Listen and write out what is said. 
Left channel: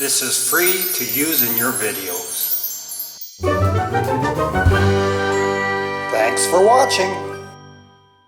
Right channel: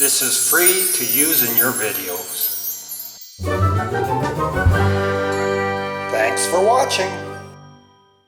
This is free to use in your videos. Thanks for watching.